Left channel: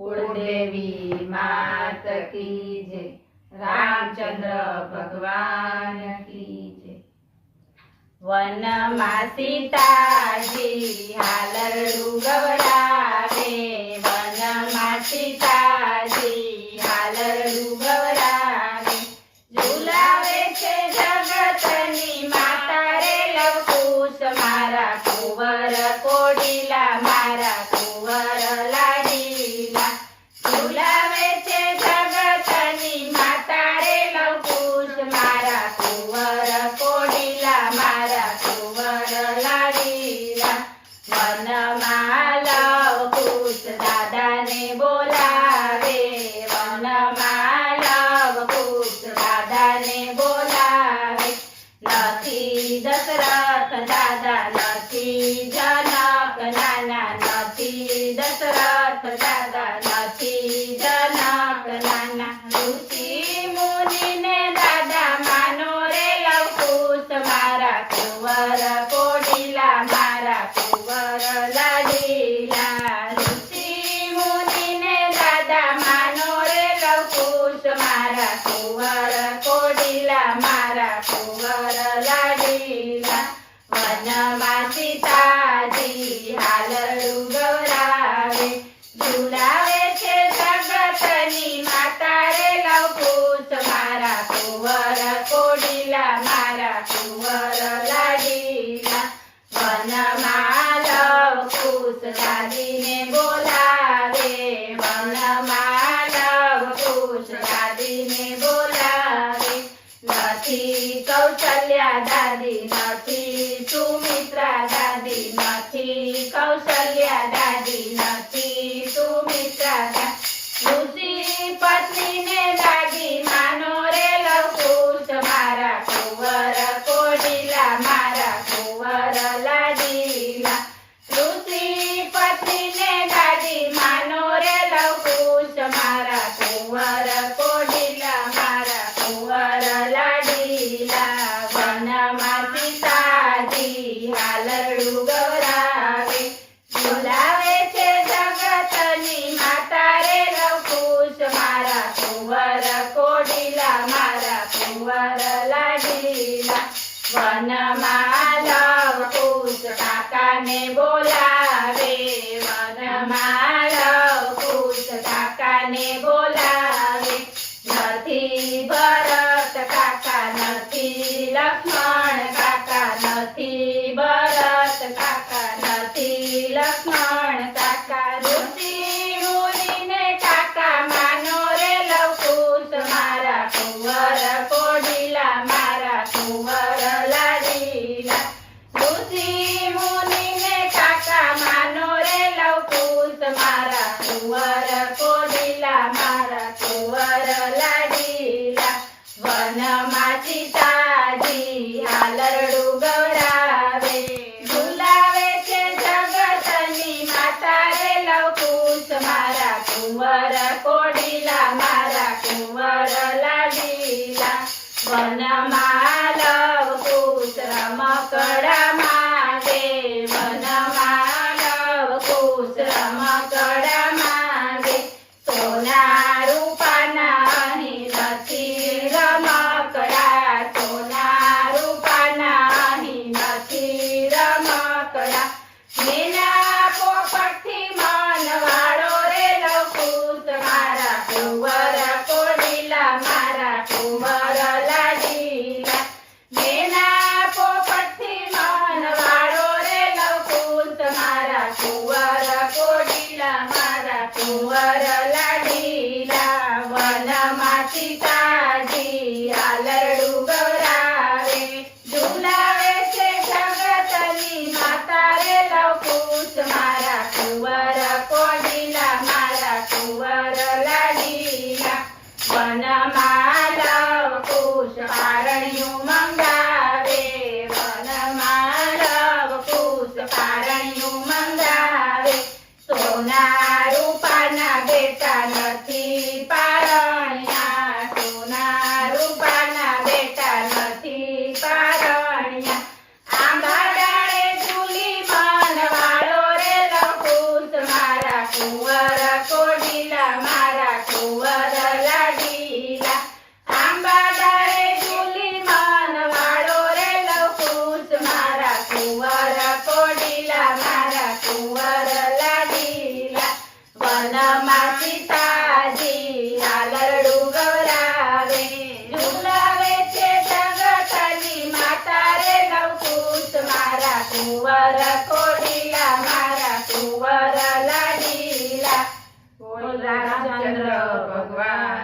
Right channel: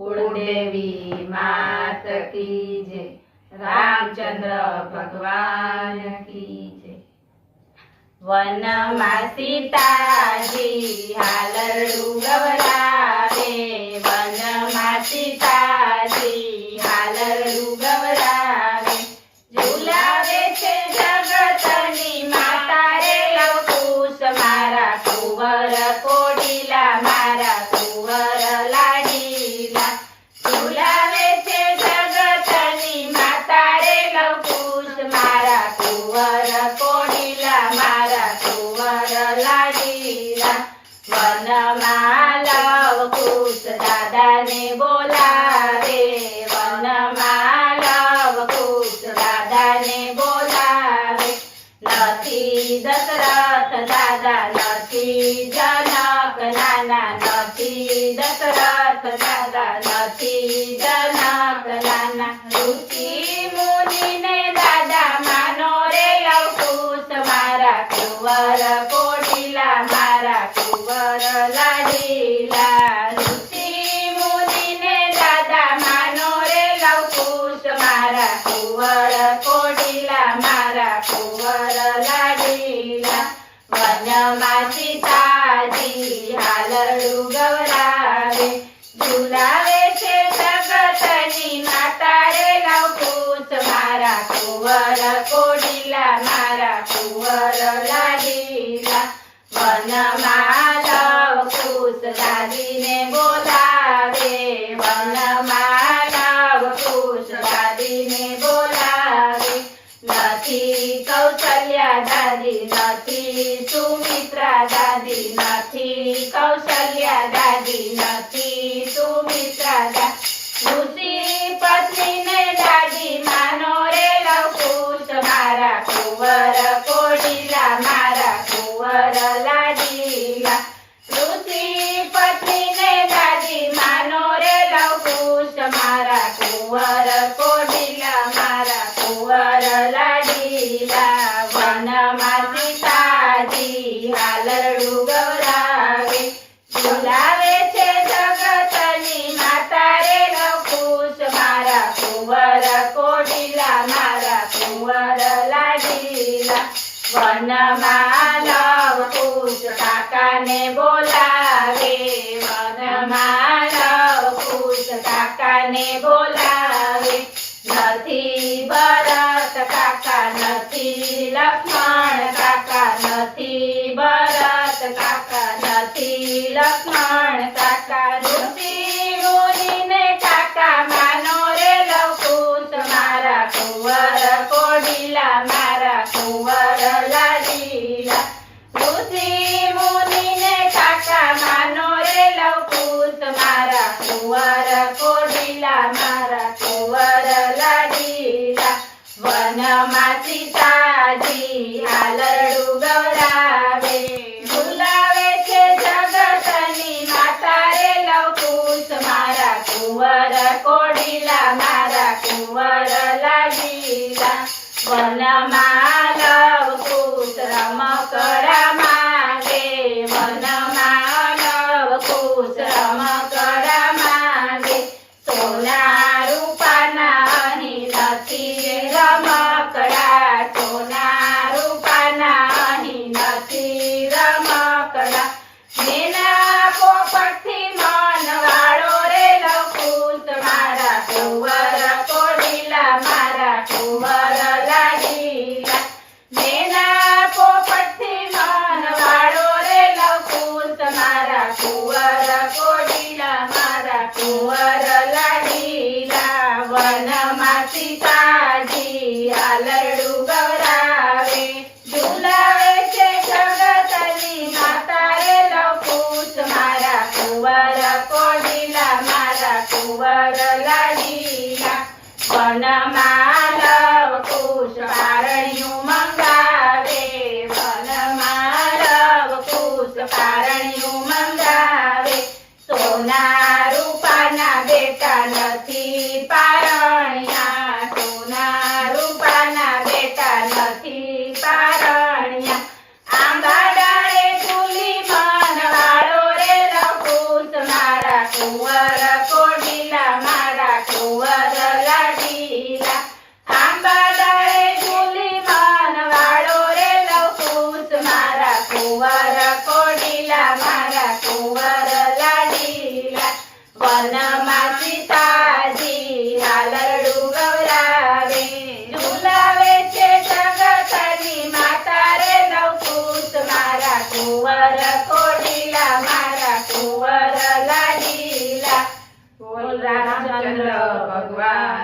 कुलदेवी मात की जय, रामचंद्र भगवान की जय। वनमा सीताजी हालरडू गवडावे, वनमा सीताजी हालरडू गवडावे, झुलावे छे जगतनी माता रे लवकुश मारा कुंवर कोडिला मारा कुंवर लाडीला, झुलावे छे जगतनी माता रे लवकुश मारा कुंवर कोडिला मारा कुंवर लाडीला। वनमा लवकुश दादाने बोलावे, वनमा लवकुश दादाने बोलावे, નથી દશરથ દાદા નથી જનક નાના, નથી દશરથ દાદા નથી જનક નાના, ઋષિ મુનિને દાદા માનો રે લવકુશ મારા કુંવર કોડિલા મારા કુંવર લાડીલા, ઋષિ મુનિને દાદા માનો રે લવકુશ મારા કુંવર કોડિલા મારા કુંવર લાડીલા। વનમાં સીતાજી હાલરડું ગવડાવે, ઝુલાવે છે જગતની માતા રે લવકુશ મારા કુંવર કોડિલા મારા કુંવર લાડીલા। વનમાં લવકુશ દાદીને બોલાવે, વનમાં લવકુશ દાદીને બોલાવે, નથી કૌશલ્યા દાદી નથી સુમિત્રા દાદી, નથી કૌશલ્યા દાદી નથી સુમિત્રા દાદી, ઋષિ પત્નીને દાદી માનો રે લવકુશ મારા કુંવર કોડિલા મારા કુંવર લાડીલા, ઋષિ પત્નીને દાદી માનો રે લવકુશ મારા કુંવર કોડિલા મારા કુંવર લાડીલા। વનમાં સીતાજી હાલરડું ગવડાવે, ઝુલાવે છે જગતની માતા રે લવકુશ મારા કુંવર કોડિલા મારા કુંવર લાડીલા। વનમાં લવકુશ કાકાને બોલાવે, વનમાં લવકુશ કાકાને બોલાવે, નથી ભરત કાકા નથી લક્ષ્મણ કાકા, નથી ભરત કાકા નથી લક્ષ્મણ કાકા, ઋષિ મુનિને કાકા માનો રે લવકુશ મારા કુંવર કોડિલા મારા કુંવર લાડીલા, ઋષિ મુનિને કાકા માનો રે લવકુશ મારા કુંવર કોડિલા મારા કુંવર લાડીલા। વનમાં સીતાજી હાલરડું ગવડાવે, ઝુલાવે છે જગતની માતા રે લવકુશ મારા કુંવર કોડિલા મારા કુંવર લાડીલા। વનમાં લવકુશ રમકડા માંગે, વનમાં લવકુશ રમકડા માંગે, સોના રૂપાના અહીં નથી રમકડા, સોના રૂપાના અહીં નથી રમકડા, નેના પોપટથી મન વાળો રે લવકુશ મારા કુંવર કોડિલા મારા કુંવર લાડીલા, નેના પોપટથી મન વાળો રે લવકુશ મારા કુંવર કોડિલા મારા કુંવર લાડીલા। વનમાં સીતાજી હાલરડું ગવડાવે, ઝુલાવે છે જગતની માતા રે લવકુશ મારા કુંવર કોડિલા મારા કુંવર લાડીલા। વનમાં લવકુશ પારણિયું મંગાવે, વનમાં લવકુશ પારણિયું મંગાવે, સોના રૂપાના બેટા નથી પારણ્યા, સોના રૂપાના બેટા નથી પારણ્યા, આંબા ડાળે ઝૂલી મન વાળો રે લવકુશ મારા કુંવર કોડિલા વનમાં સીતાજી હાલરડું ગવરાવે ઝુલાવે છે જગતની માતા રે નવકુશ મારા કુંવર કોડીલા મારા કુંવર લાડીલા બોલ રામચંદ્ર ભગવાન